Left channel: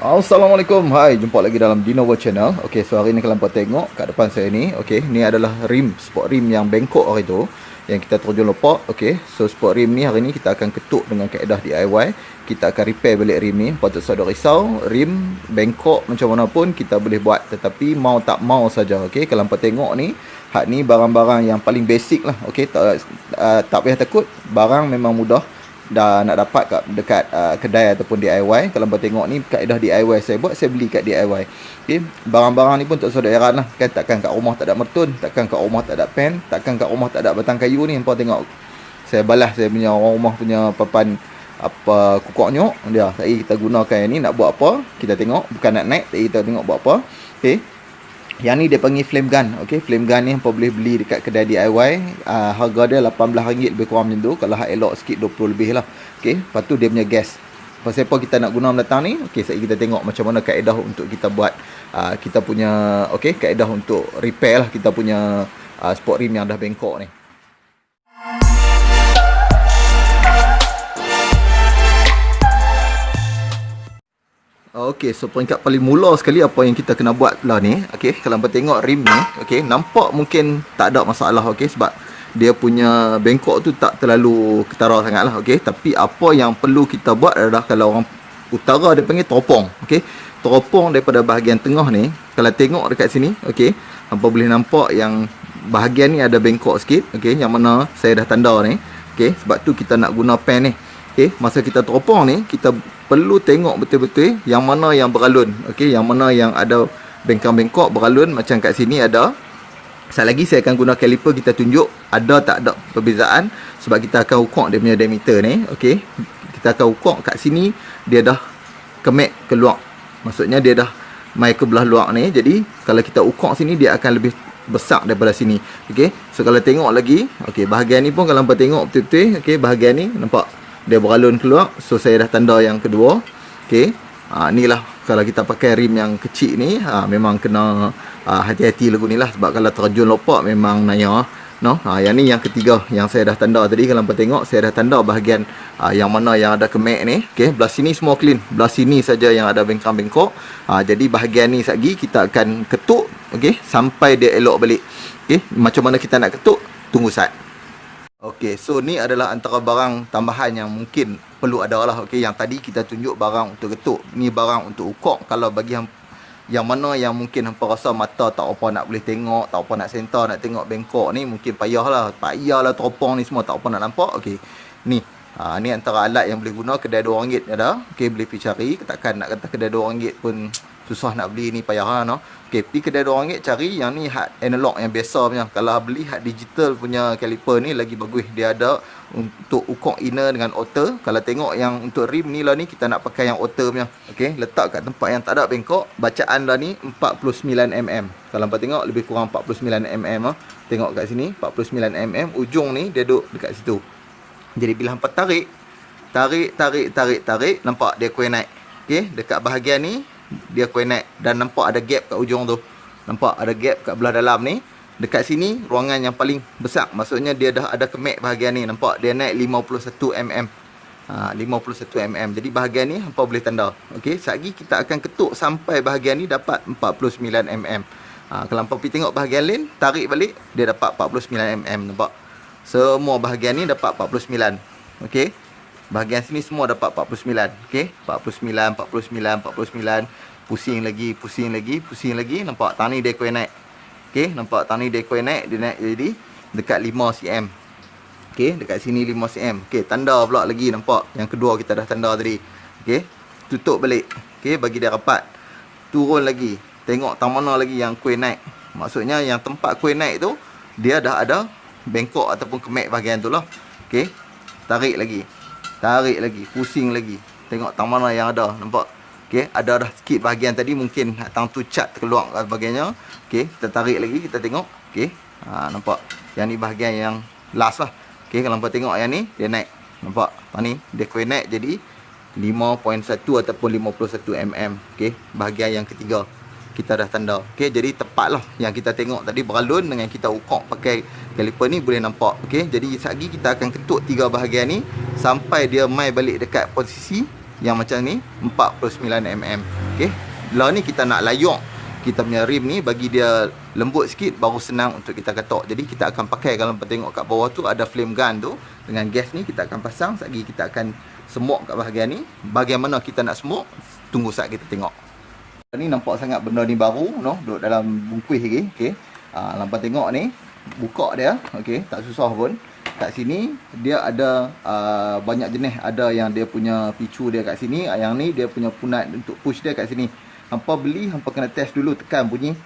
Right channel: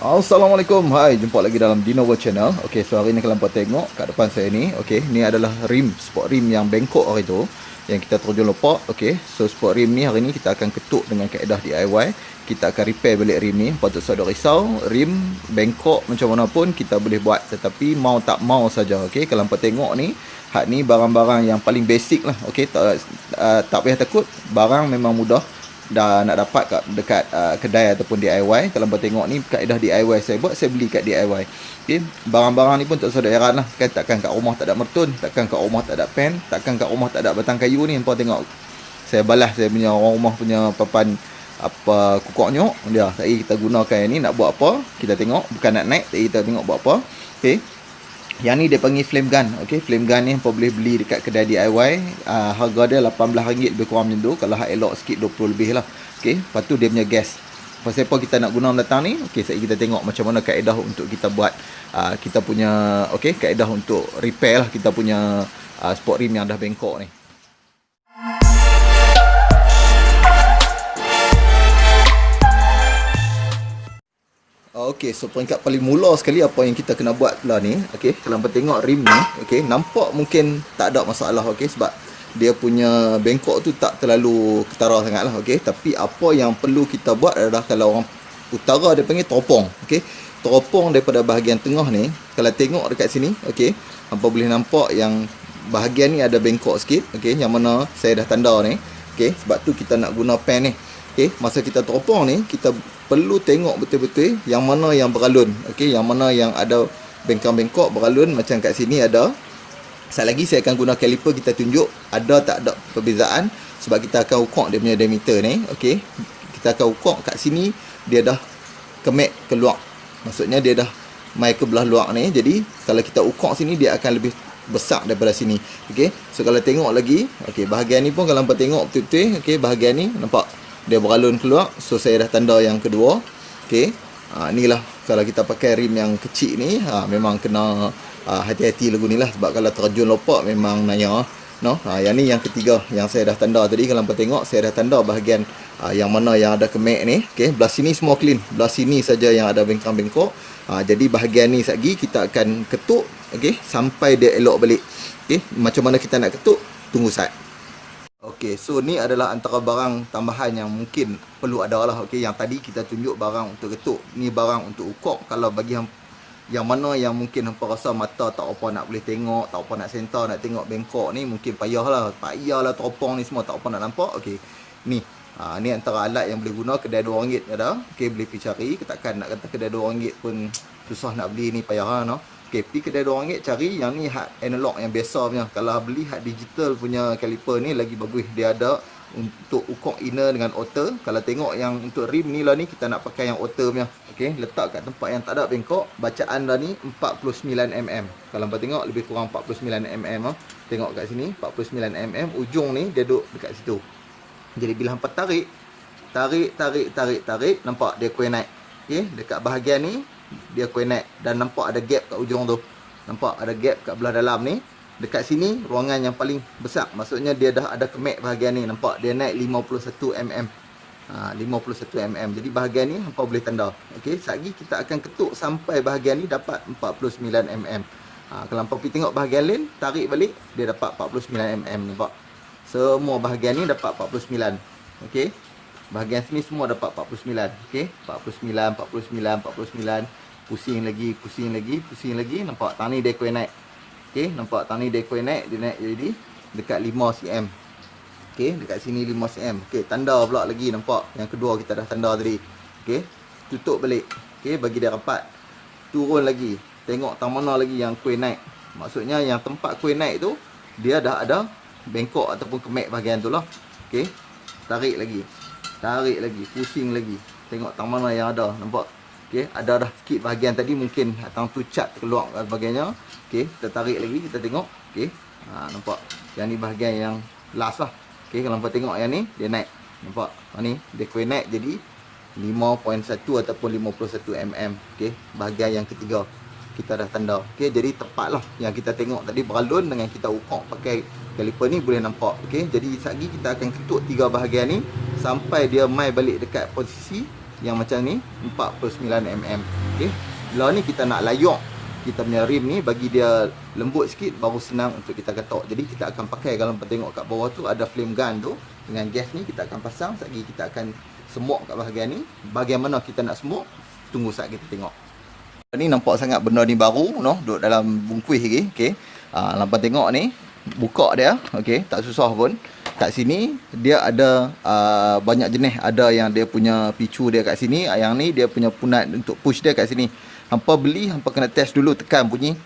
Assalamualaikum. Hai, jumpa lagi dalam Dino World Channel. Okey, so hari ni kalau hampa tengok kat depan saya ni, okey, ni adalah rim, sport rim yang bengkok hari tu yang kita terjun lopak. Okey, so sport rim ni hari ni kita akan ketuk dengan kaedah DIY. Kita akan repair balik rim ni. Patut tak ada risau, rim bengkok macam mana pun kita boleh buat, tetapi mau tak mau saja. Okey, kalau hampa tengok ni, hak ni barang-barang yang paling basic lah. Okey, tak payah takut, barang memang mudah dah nak dapat dekat kedai ataupun DIY. Kalau abang tengok ni kaedah DIY saya buat, saya beli kat DIY. Okay. Barang-barang ni pun tak usah heran lah kan, takkan kat rumah tak ada mertun, takkan kat rumah tak ada pen, takkan kat rumah tak ada batang kayu ni. Abang tengok saya balas saya punya orang rumah punya papan apa kukuk nyok dia. Tadi kita gunakan yang ni nak buat apa, kita tengok, bukan nak naik, tadi kita tengok buat apa. Okay. Yang ni dia panggil flame gun. Okey, flame gun ni hampa boleh beli dekat kedai DIY. Harga dia RM18 lebih kurang macam tu. Kalau hak elok sikit 20 lebih lah. Okey, lepas tu dia punya gas. Pasal apa kita nak guna mendatang ni? Okey, sekejap kita tengok macam mana kaedah untuk kita buat kita punya okey, kaedah untuk repair lah kita punya sport rim yang dah bengkok ni. Okey, so peringkat paling mula sekali apa yang kita kena buat lah ni. Okey, kalau hampa tengok rim ni, okey, nampak mungkin tak ada masalah, okey, sebab dia punya bengkok tu tak terlalu ketara sangat lah, okey. Tapi apa yang perlu kita buat adalah, kalau orang utara dia panggil teropong, okey. Teropong daripada bahagian tengah ni, kalau tengok dekat sini, okey, hampa boleh nampak yang bahagian ni ada bengkok sikit, okey, yang mana saya dah tanda ni, okey. Sebab tu kita nak guna pen ni. Okey, masa kita teropong ni, kita perlu tengok betul-betul yang mana yang beralun. Okey, yang mana yang ada bengkang-bengkok beralun, macam kat sini ada. Sekali lagi saya akan guna caliper, kita tunjuk ada tak ada perbezaan, sebab kita akan ukur dia punya diameter ni. Okey, kita akan ukur kat sini dia dah kemek keluar. Maksudnya dia dah mai ke belah luar ni. Jadi kalau kita ukur sini, dia akan lebih besar daripada sini. Okey, so kalau tengok lagi, okey, bahagian ni pun kalau hampa tengok betul-betul, okey, bahagian ni nampak dia beralun keluar. So saya dah tanda yang kedua. Okey, inilah kalau kita pakai rim yang kecil ni, memang kena hati-hati lagu ni lah, sebab kalau terjun lopak memang naya. No, yang ni yang ketiga yang saya dah tanda tadi. Kalau hampa tengok, saya dah tanda bahagian yang mana yang ada kemek ni. Okey, belah sini semua clean, belah sini saja yang ada bengkang-bengkok. Jadi bahagian ni lagi kita akan ketuk, okey, sampai dia elok balik. Okey, macam mana kita nak ketuk, tunggu saat. Okey, so ni adalah antara barang tambahan yang mungkin perlu ada lah. Okey, yang tadi kita tunjuk barang untuk ketuk, ni barang untuk ukur. Kalau bagi yang mana yang mungkin hampa rasa mata tak apa nak boleh tengok, tak apa nak center, nak tengok bengkok ni, mungkin payahlah teropong ni semua tak apa nak nampak. Okey, ni ni antara alat yang boleh guna. Kedai RM2 ada. Okey, boleh pergi cari. Takkan nak kata kedai RM2 pun susah nak beli ni, payah lah, no. Okey, pergi kedai RM2 cari yang ni hard analog yang biasa punya. Kalau beli hard digital punya caliper ni lagi bagus. Dia ada untuk ukur inner dengan outer. Kalau tengok yang untuk rim ni lah ni, kita nak pakai yang outer punya. Okey, letak kat tempat yang tak ada bengkok. Bacaan lah ni 49mm. Kalau hampa tengok lebih kurang 49mm lah. Tengok kat sini 49mm. Ujung ni dia duduk dekat situ. Jadi bila hampa tarik, nampak dia kuih naik. Okey, dekat bahagian ni dia kuih naik, dan nampak ada gap kat ujung tu. Nampak ada gap kat belah dalam ni. Dekat sini ruangan yang paling besar, maksudnya dia dah ada kemek bahagian ni. Nampak dia naik 51mm. 51mm. Jadi bahagian ni hampa boleh tanda. Okey, sekejap kita akan ketuk sampai bahagian ni dapat 49mm. Kalau hampa pergi tengok bahagian lain, tarik balik, dia dapat 49mm. Nampak? Semua bahagian ni dapat 49. Okey, bahagian sini semua dapat 49. Okey, 49, 49, 49. Pusing lagi. Nampak tani dia kuih naik. Okey, nampak tani dia kuih naik. Dia naik jadi dekat 5cm. Okey, dekat sini 5cm. Okey, tanda pula lagi. Nampak yang kedua kita dah tanda tadi. Okey, tutup balik. Okey, bagi dia rapat. Turun lagi. Tengok tang mana lagi yang kuih naik. Maksudnya yang tempat kuih naik tu, dia dah ada bengkok ataupun kemek bahagian tu lah. Okey, tarik lagi, pusing lagi. Tengok tang mana yang ada. Nampak? Okey, ada dah sikit bahagian tadi, mungkin tang tu cat keluar bahagiannya. Okey, kita tarik lagi, kita tengok. Okey, nampak? Yang ni bahagian yang last lah. Okey, kalau hampa tengok yang ni, dia naik. Nampak? Ni dia kuih naik jadi 5.1 ataupun 51mm. Okey, bahagian yang ketiga kita dah tanda. Okey, jadi tepatlah yang kita tengok tadi beralun dengan kita ukur pakai caliper ni boleh nampak. Okey, jadi sekejap lagi kita akan ketuk tiga bahagian ni sampai dia mai balik dekat posisi yang macam ni 49mm. Okey. Lah ni kita nak layok kita punya rim ni bagi dia lembut sikit, baru senang untuk kita ketok. Jadi kita akan pakai, kalau tengok kat bawah tu ada flame gun tu dengan gas ni, kita akan pasang. Sekejap kita akan smoke kat bahagian ni. Bahagian mana kita nak smoke, tunggu saat kita tengok. Ni nampak sangat benda ni baru, no, duduk dalam bungkus lagi. Okey. Lampan tengok ni, buka dia, okey, tak susah pun. Kat sini dia ada banyak jenis. Ada yang dia punya picu dia kat sini, yang ni dia punya punat untuk push dia kat sini. Hampa beli, hampa kena test dulu, tekan bunyi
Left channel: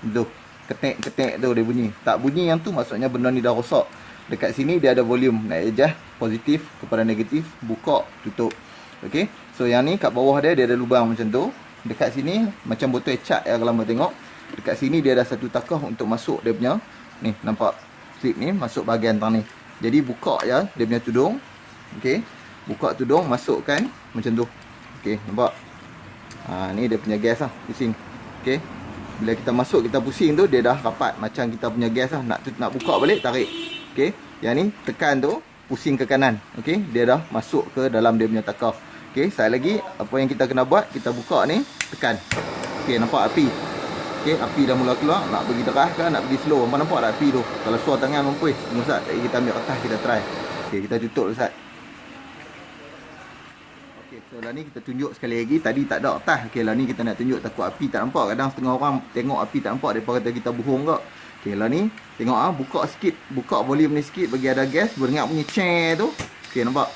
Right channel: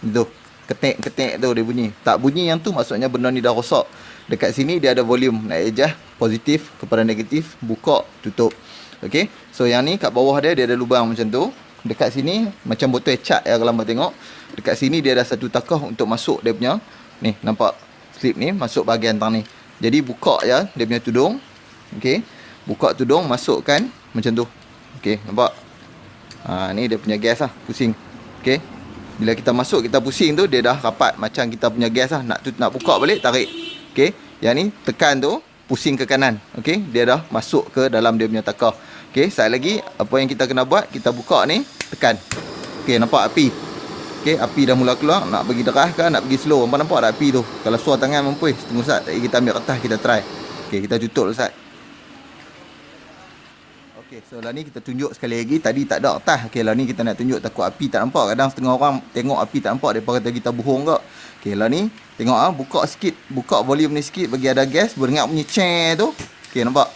tu, ketek-ketek tu dia bunyi. Tak bunyi yang tu maksudnya benda ni dah rosak. Dekat sini dia ada volume, nak adjust positif kepada negatif, buka, tutup. Okey. So yang ni kat bawah dia ada lubang macam tu. Dekat sini macam botol cat ya, kalau hampa tengok. Dekat sini dia ada satu takah untuk masuk dia punya ni, nampak slip ni masuk bahagian tang ni. Jadi buka ya dia punya tudung. Okey. Buka tudung, masukkan macam tu. Okey, nampak? Ni dia punya gas lah, pusing. Okey. Bila kita masuk, kita pusing tu, dia dah rapat macam kita punya gas lah. Nak buka balik, tarik. Okey. Yang ni tekan tu, pusing ke kanan. Okey. Dia dah masuk ke dalam dia punya takar. Okey, sekali lagi apa yang kita kena buat, kita buka ni, tekan. Okey, nampak api. Okey, api dah mula keluar. Nak pergi deras ke, nak pergi slow. Nampak nampak tak api tu? Kalau suar tangan mampu. Tunggu Ustaz, kita ambil kertas, kita try. Okey, kita tutup Ustaz. So lah ni kita tunjuk sekali lagi. Tadi tak ada kertas. Okey, lah ni kita nak tunjuk takut api tak nampak. Kadang setengah orang tengok api tak nampak, depa kata kita bohong ke. Okey, lah ni tengok buka sikit, buka volume ni sikit bagi ada gas, berdengar bunyi ceng tu. Okey, nampak?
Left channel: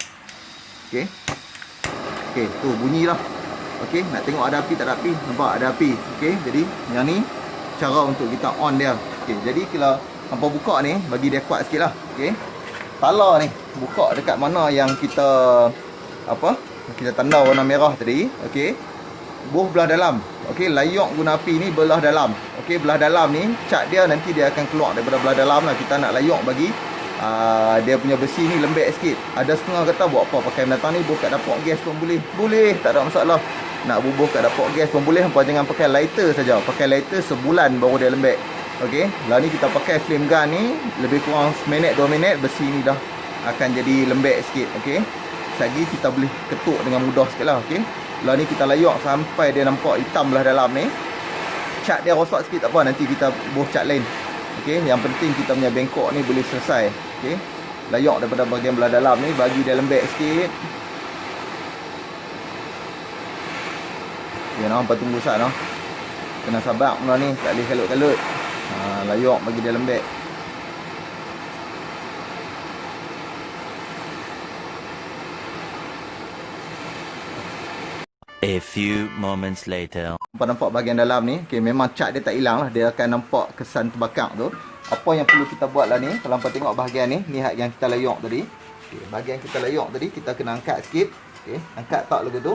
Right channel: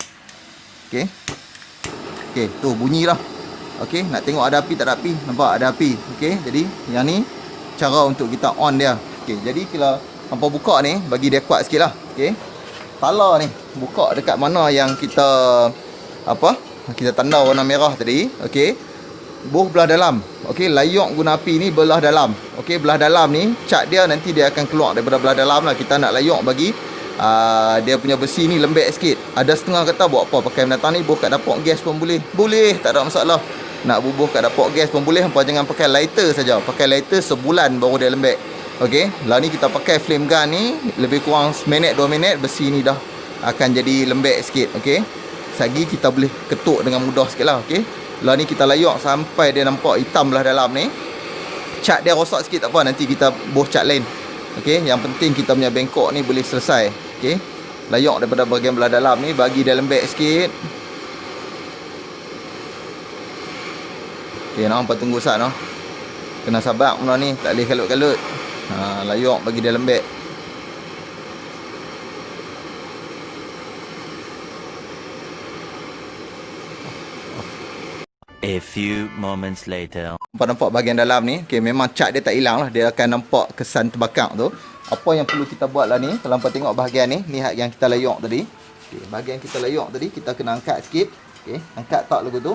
Okey. Okey, tu bunyilah. Okey, nak tengok ada api tak ada api? Nampak ada api. Okey, jadi yang ni cara untuk kita on dia. Okey, jadi kalau hampa buka ni, bagi dia kuat sikitlah. Okey. Tala ni buka dekat mana yang kita kita tanda warna merah tadi. Okey. Buh belah dalam. Okey, layok guna api ni belah dalam. Okey, belah dalam ni cat dia nanti dia akan keluar daripada belah dalam lah. Kita nak layok bagi dia punya besi ni lembek sikit. Ada setengah kata buat apa, pakai binatang ni buh kat dapur gas pun boleh. Boleh, tak ada masalah. Nak bubuh kat dapur gas pun boleh. Hampa jangan pakai lighter saja. Pakai lighter sebulan baru dia lembek. Okey, lah ni kita pakai flame gun ni lebih kurang seminit 2 minit, besi ni dah akan jadi lembek sikit. Okey. Lagi kita boleh ketuk dengan mudah sikit lah. Okey. Lah ni kita layok sampai dia nampak hitam belah dalam ni. Cat dia rosak sikit tak apa, nanti kita buh cat lain. Okey, yang penting kita punya bengkok ni boleh selesai. Okey. Layok daripada bahagian belah dalam ni, bagi dia lembek sikit. Okey, nampak tunggu sat noh. Kena sabar benda ni, tak boleh kalut-kalut. Layok bagi dia lembek. A few moments later. Nampak bahagian dalam ni. Okay, memang cat dia tak hilang lah. Dia akan nampak kesan terbakar tu. Apa yang perlu kita buat lah ni, kalau hampa tengok bahagian ni, ni yang kita layok tadi. Okay, bahagian kita layok tadi, kita kena angkat sikit. Okay, angkat part lagu tu.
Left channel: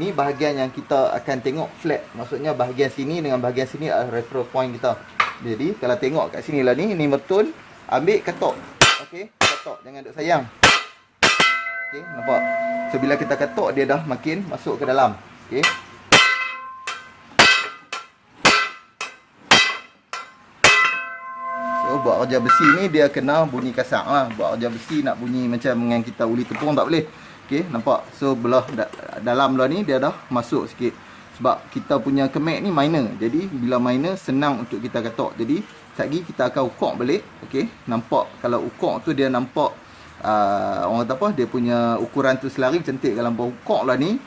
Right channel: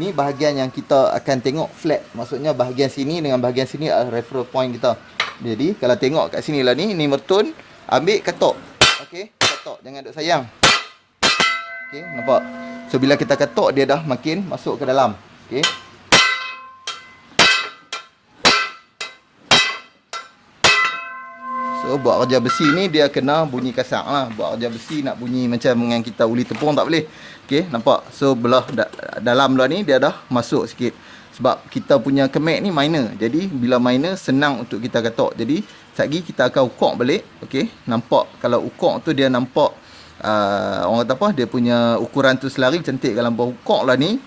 Ni bahagian yang kita akan tengok flat. Maksudnya bahagian sini dengan bahagian sini adalah referral point kita. Jadi kalau tengok kat sini lah ni mertun, ambil katok. Okay, katok, jangan duk sayang. Okay, nampak? So bila kita katok, dia dah makin masuk ke dalam. Okay. So buat kerja besi ni dia kena bunyi kasar lah. Buat kerja besi nak bunyi macam dengan kita uli tepung tak boleh. Okay, nampak? So belah dalam belah ni dia dah masuk sikit. Sebab kita punya kemek ni minor. Jadi bila minor senang untuk kita katok. Jadi sekejap kita akan ukok balik. Okay, nampak? Kalau ukok tu dia nampak orang kata apa, dia punya ukuran tu selari cantik. Kalau ukok lah ni,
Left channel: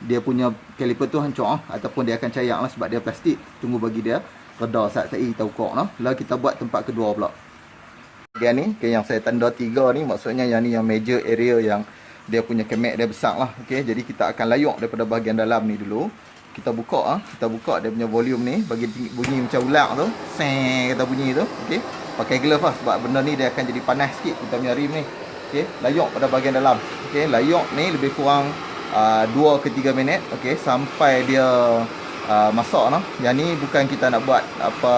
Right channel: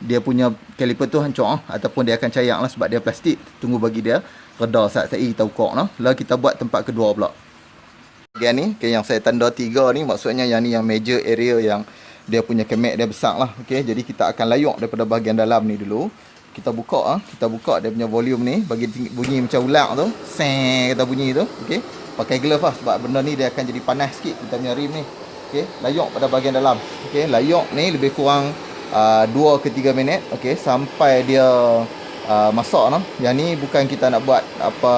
dia punya kaliper tu hancur ataupun dia akan cayak lah sebab dia plastik. Tunggu bagi dia reda saat kita ukok lah. Lalu kita buat tempat kedua pula. Bahagian ni, okay, yang saya tanda 3 ni, maksudnya yang ni yang major area yang dia punya kemek dia besar lah. Okay, jadi kita akan layok daripada bahagian dalam ni dulu. Kita buka kita buka dia punya volume ni, bagi bunyi macam ulang tu. Seng kata bunyi tu. Okay, pakai glove lah sebab benda ni dia akan jadi panas sikit kita punya rim ni. Okay, layok pada bahagian dalam. Okay, layok ni lebih kurang 2 ke 3 minit. Okay, sampai dia masak lah. Yang ni bukan kita nak buat apa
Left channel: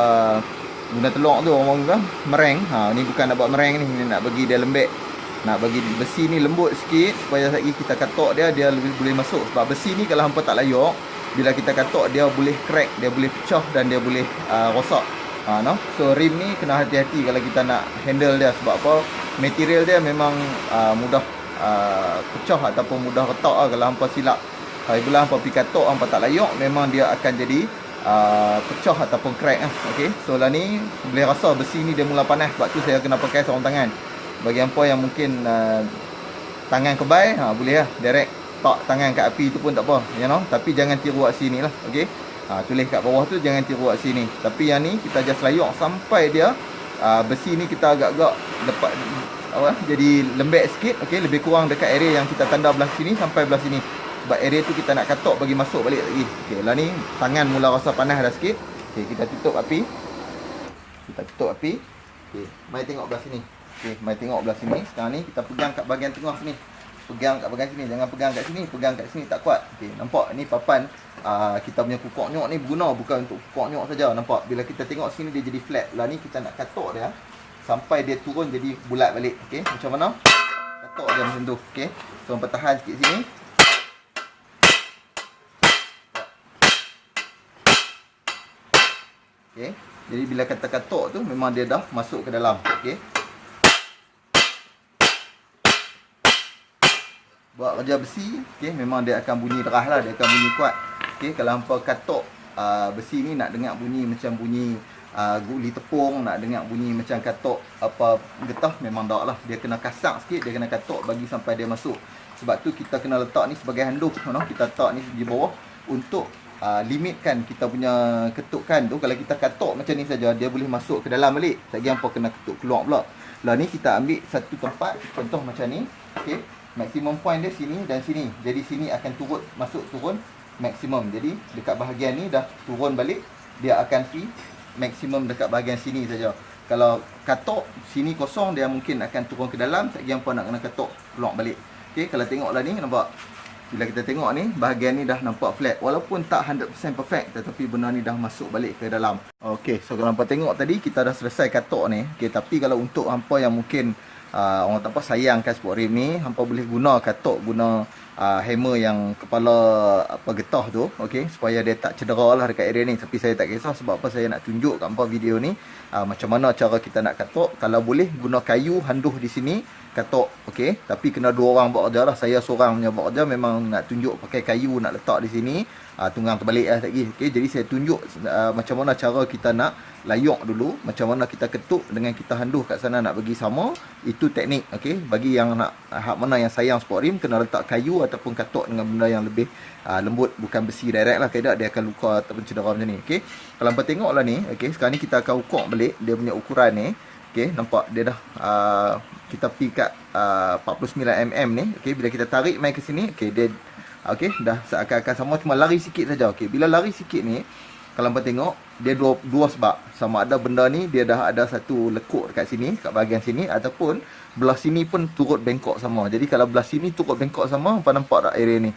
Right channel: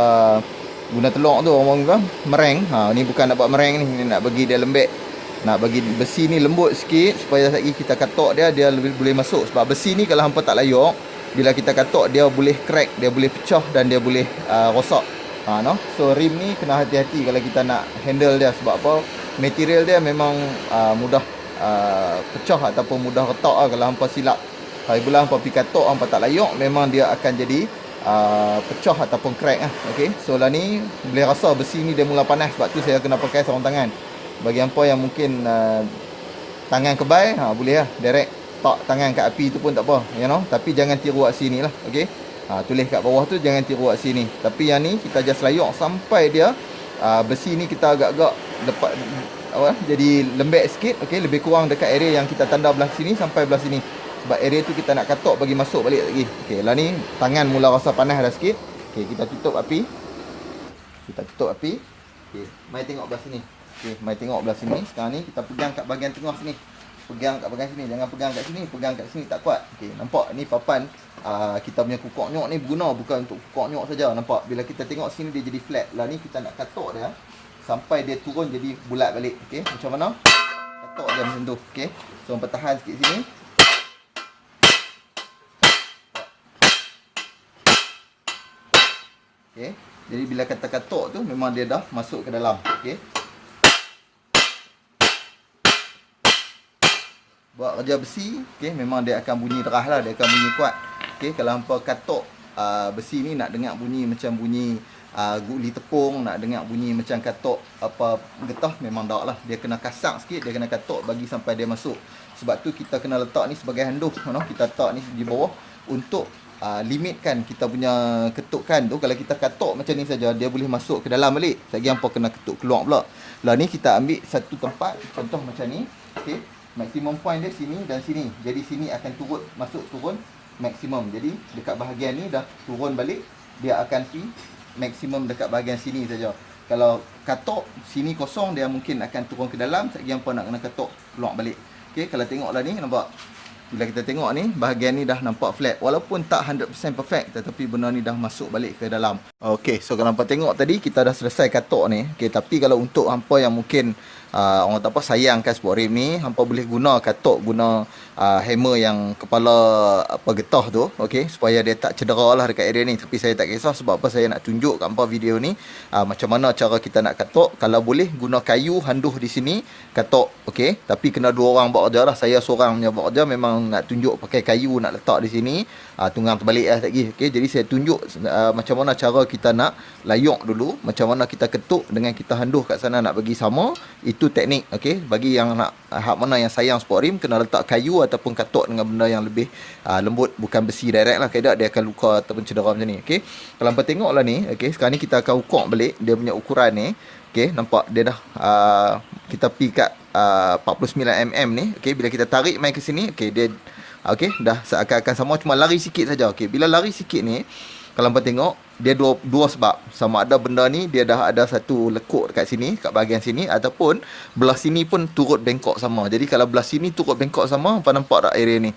guna telur tu orang kata mereng. Ni bukan nak buat mereng ni nak bagi dia lembek. Nak bagi besi ni lembut sikit supaya lagi kita katok dia lebih boleh masuk. Sebab besi ni kalau hampa tak layok, bila kita katok dia boleh crack, dia boleh pecah dan dia boleh rosak. No? So rim ni kena hati-hati kalau kita nak handle dia. Sebab apa? Material dia memang mudah pecah ataupun mudah retak lah kalau hampa silap. Bila hampa pergi katok, hampa tak layok, memang dia akan jadi pecah ataupun crack lah. Okay, so lah ni boleh rasa besi ni dia mula panas, sebab tu saya kena pakai sarung tangan. Bagi hampa yang mungkin tangan kebai, boleh lah direct tak tangan kat api tu pun tak apa, you know. Tapi jangan tiru aksi ni lah. Okay, tulis kat bawah tu jangan tiru aksi ni. Tapi yang ni kita just layok sampai dia besi ni kita agak-agak lepas jadi lembek sikit. Okay, lebih kurang dekat area yang kita tanda belah sini sampai belah sini, sebab area tu kita nak katok bagi masuk balik lagi. Okay, lah ni tangan mula rasa panas dah sikit. Okay, kita tutup api. Okay, mari tengok belah sini. Okay, mari tengok belah sini. Sekarang ni kita pegang kat bahagian tengah sini. Pegang kat bahagian sini, jangan pegang kat sini. Pegang kat sini tak kuat. Okay, nampak ni papan kita punya kukok nyok ni berguna bukan untuk kukok nyok saja. Nampak bila kita tengok sini dia jadi flat. Lah ni kita nak katok dia sampai dia turun jadi bulat balik. Okay, macam mana? Katok dia macam tu. Okay, so hampa tahan sikit sini. Okay, jadi bila kata katok tu memang dia dah masuk ke dalam. Okay, buat kerja besi, okay, memang dia akan bunyi derah lah, dia akan bunyi kuat. Okay, kalau hampa katok besi ni nak dengar bunyi macam bunyi guli tepung, nak dengar bunyi macam katok apa getah, memang tak lah. Dia kena kasar sikit, dia kena katok bagi sampai dia masuk. Sebab tu kita kena letak ni sebagai handuk, no? Kita letak ni di bawah untuk limitkan kita punya ketukan tu. Kalau kita katok macam ni saja, dia boleh masuk ke dalam balik. Lagi hampa kena ketuk keluar pula. Lah ni kita ambil satu tempat, contoh macam ni. Okay, maksimum point dia sini dan sini. Jadi sini akan turun maksimum. Jadi dekat bahagian ni dah turun balik, dia akan pergi maksimum dekat bahagian sini saja. Kalau katok sini kosong, dia mungkin akan turun ke dalam. Lagi hampa nak kena katok keluar balik. Okay, kalau tengoklah ni, nampak? Bila kita tengok ni, bahagian ni dah nampak flat. Walaupun tak 100% perfect, tetapi benda ni dah masuk balik ke dalam. Okay, so kalau hampa tengok tadi, kita dah selesai katok ni. Okay, tapi kalau untuk hampa yang mungkin orang tak apa sayangkan sport rim ni, hampa boleh guna katok, guna hammer yang kepala apa getah tu, okey, supaya dia tak cedera lah dekat area ni. Tapi saya tak kisah, sebab apa saya nak tunjuk kat hampa video ni macam mana cara kita nak katok. Kalau boleh guna kayu handuh di sini katok, okey, tapi kena dua orang buat kerja lah. Saya seorang punya buat kerja, memang nak tunjuk pakai kayu nak letak di sini, tunggang terbalik lah lagi. Okey, jadi saya tunjuk macam mana cara kita nak layok dulu, macam mana kita ketuk dengan kita handuh kat sana nak bagi sama. Itu teknik. Okey, bagi yang nak hak mana yang sayang sport rim, kena letak kayu ataupun katok dengan benda yang lebih lembut, bukan besi direct lah. Kalau dia akan luka ataupun cedera macam ni. Okey, kalau hampa tengoklah ni, okey, sekarang ni kita akan ukur balik dia punya ukuran ni. Okey, nampak dia dah kita pergi kat 49mm ni. Okey, bila kita tarik main ke sini, okey, dia okey, dah seakan-akan sama, cuma lari sikit saja. Okey, bila lari sikit ni, kalau hampa tengok, dia dua sebab. Sama ada benda ni dia dah ada satu lekuk dekat sini, kat bahagian sini, ataupun belah sini pun turut bengkok sama. Jadi kalau belah sini turut bengkok sama, hampa nampak tak area ni?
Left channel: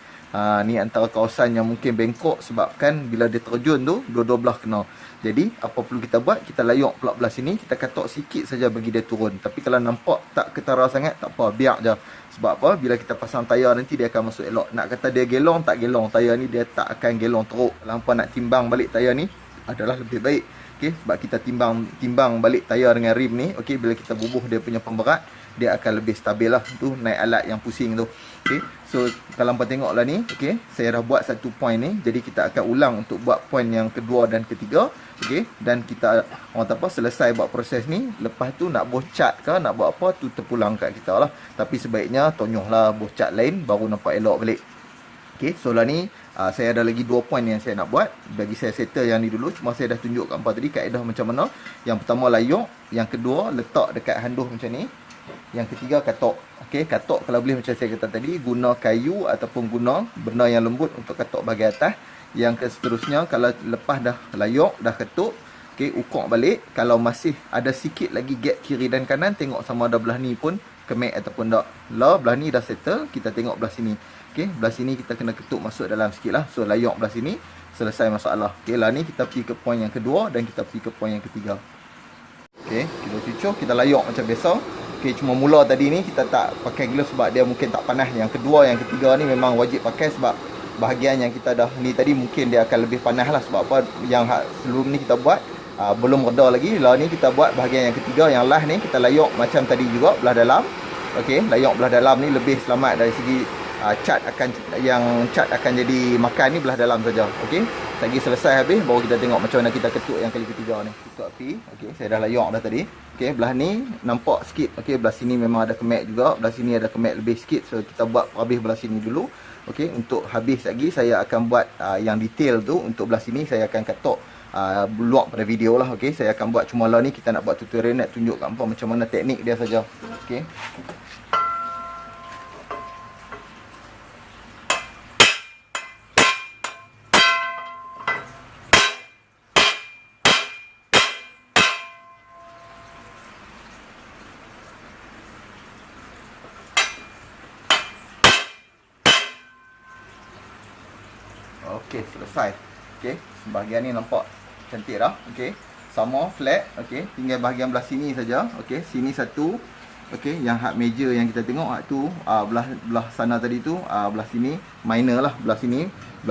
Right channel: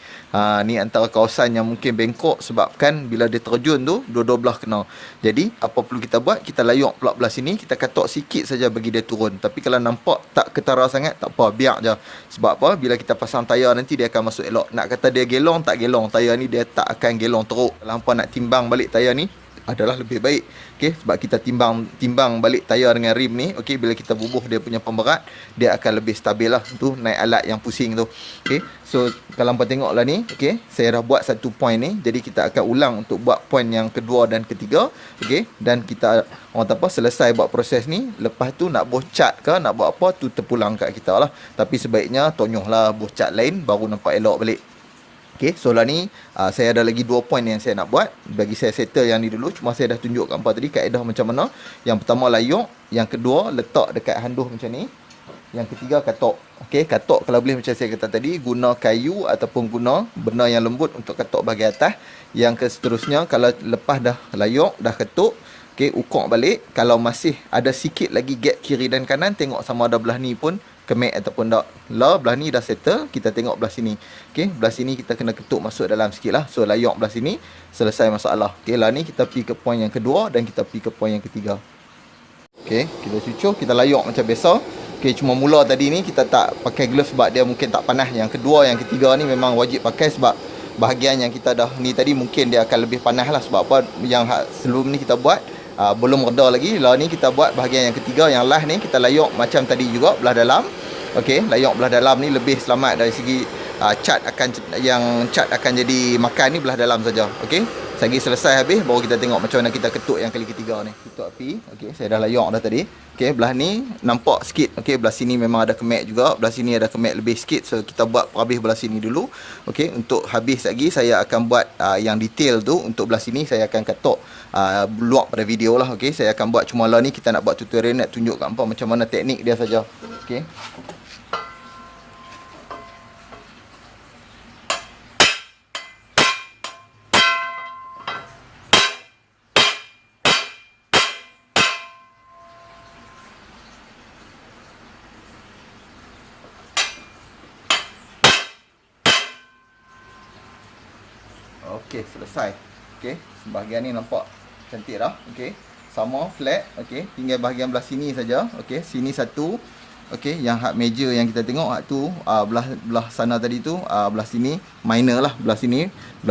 Ni antara kawasan yang mungkin bengkok sebabkan bila dia terjun tu, dua-dua belah kena. Jadi apa perlu kita buat? Kita layok pula belah sini, kita katok sikit saja bagi dia turun. Tapi kalau nampak tak ketara sangat, tak apa, biar je. Sebab apa? Bila kita pasang tayar nanti dia akan masuk elok. Nak kata dia gelong, tak gelong. Tayar ni dia tak akan gelong teruk. Kalau hampa nak timbang balik tayar ni, adalah lebih baik. Okey, sebab kita timbang balik tayar dengan rim ni. Okey, bila kita bubuh dia punya pemberat, dia akan lebih stabil lah. Tu naik alat yang pusing tu. Okey, so kalau hampa tengoklah ni, okey, saya dah buat satu point ni. Jadi kita akan ulang untuk buat point yang kedua dan ketiga. Okey, dan kita orang tak apa selesai buat proses ni, lepas tu nak buh cat ke nak buat apa tu terpulang kat kita lah. Tapi sebaiknya tonyohlah buh cat lain baru nampak elok balik. Okay, so lah ni saya ada lagi 2 point yang saya nak buat. Bagi saya settle yang ni dulu. Cuma saya dah tunjuk kat hampa tadi kaedah macam mana. Yang pertama layok, yang kedua letak dekat handuh macam ni, yang ketiga katok. Okay, katok kalau boleh macam saya kata tadi, guna kayu ataupun guna benda yang lembut untuk katok bahagian atas. Yang seterusnya, kalau lepas dah layok, dah ketuk, okay, ukur balik. Kalau masih ada sikit lagi gap kiri dan kanan, tengok sama ada belah ni pun kemek ataupun tak. Lah belah ni dah settle, kita tengok belah sini. Okey, belah sini kita kena ketuk masuk dalam sikit lah. So layok belah sini, selesai masalah. Okey, lah ni kita pergi ke point yang kedua dan kita pergi ke point yang ketiga. Okey, kita cucuk, kita layok macam biasa. Okey, cuma mula tadi ni kita tak pakai glove sebab dia mungkin tak panas. Yang kedua, yang ketiga ni memang wajib pakai sebab bahagian yang kita dah ni tadi mungkin dia akan lebih panas lah. Sebab apa, yang sebelum ni kita buat belum reda lagi. Lah ni kita buat bahagian yang ketiga, yang last ni kita layok macam tadi juga belah dalam. okey, layok belah dalam ni lebih selamat dari segi cat akan jadi makan ni belah dalam saja. Okey, lagi selesai habis baru kita tengok macam mana kita ketuk yang kali ketiga ni. Ketuk api. Okey, saya dah layok dah tadi. Okey, belah ni nampak sikit. Okey, belah sini memang ada kemek juga, belah sini ada kemek lebih sikit, so kita buat habis belah sini dulu. Okey, untuk habis lagi saya akan buat yang detail tu. Untuk belah sini saya akan ketuk luak pada video lah. Okey, saya akan buat cuma lah ni kita nak buat tutorial, nak tunjuk kat hangpa macam mana teknik dia saja. Okey. Okey, selesai. Okey, sebahagian ni nampak cantik dah. Okey, sama flat. Okey, tinggal bahagian belah sini saja. Okey, sini satu. Okey, yang hak meja yang kita tengok hak tu belah sana tadi tu, belah sini minor lah, belah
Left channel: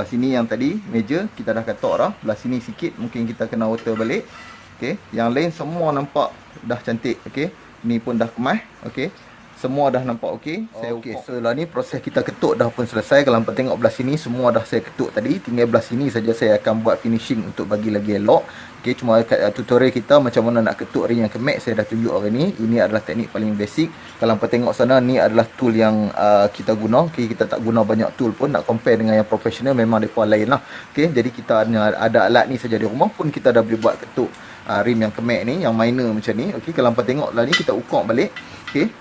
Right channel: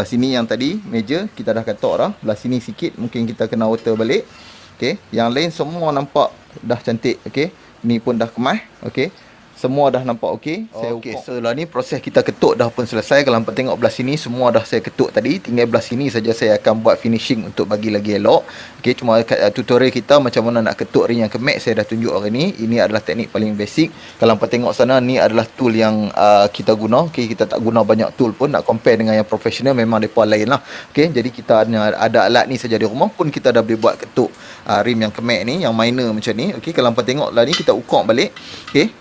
sini yang tadi meja kita dah katok dah. Belah sini sikit mungkin kita kena water balik. Okey, yang lain semua nampak dah cantik. Okey, ni pun dah kemas. Okey, semua dah nampak okey. Okey, so lah ni proses kita ketuk dah pun selesai. Kalau hangpa tengok belah sini semua dah saya ketuk tadi. Tinggal belah sini saja saya akan buat finishing untuk bagi lagi elok. Okey, cuma tutorial kita macam mana nak ketuk ring yang kemek saya dah tunjuk hari ni. Ini adalah teknik paling basic. Kalau hangpa tengok sana, ni adalah tool yang kita guna. Okey, kita tak guna banyak tool pun. Nak compare dengan yang profesional memang depa lain lah. Okey, jadi kita ada alat ni saja di rumah pun kita dah boleh buat ketuk rim yang kemek ni, yang minor macam ni. Okey, kalau hangpa tengok lah ni kita ukur balik. Okey,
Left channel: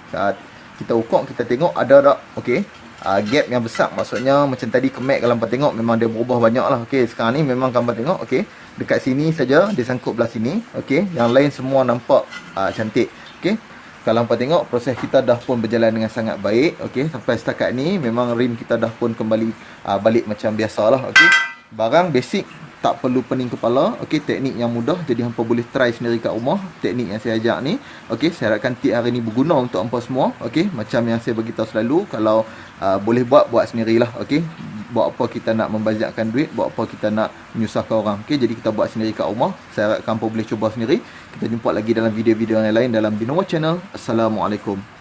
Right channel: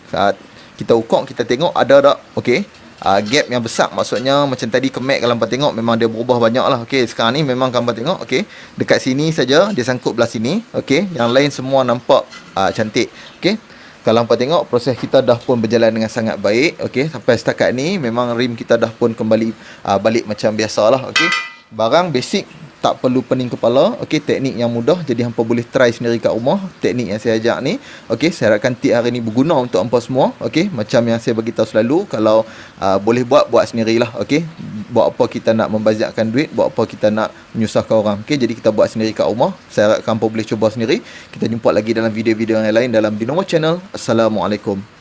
kita ukur, kita tengok ada tak. Okey, gap yang besar, maksudnya macam tadi kemek kalau hangpa tengok memang dia berubah banyak lah. Okey, sekarang ni memang hangpa tengok, okey, dekat sini saja dia sangkut belah sini. Okey, yang lain semua nampak cantik. Okey, kalau hangpa tengok proses kita dah pun berjalan dengan sangat baik. Okey, sampai setakat ni memang rim kita dah pun kembali balik macam biasalah. Okey, barang basic, tak perlu pening kepala. Okey, teknik yang mudah, jadi hangpa boleh try sendiri kat rumah teknik yang saya ajak ni. Okey, saya harapkan tip hari ni berguna untuk hangpa semua. Okey, macam yang saya beritahu selalu, kalau boleh buat sendirilah. Okey, buat apa kita nak membazirkan duit, buat apa kita nak menyusahkan orang. Okey, jadi kita buat sendiri kat rumah. Saya harapkan hangpa boleh cuba sendiri. Kita jumpa lagi dalam video-video yang lain dalam Binomo Channel. Assalamualaikum.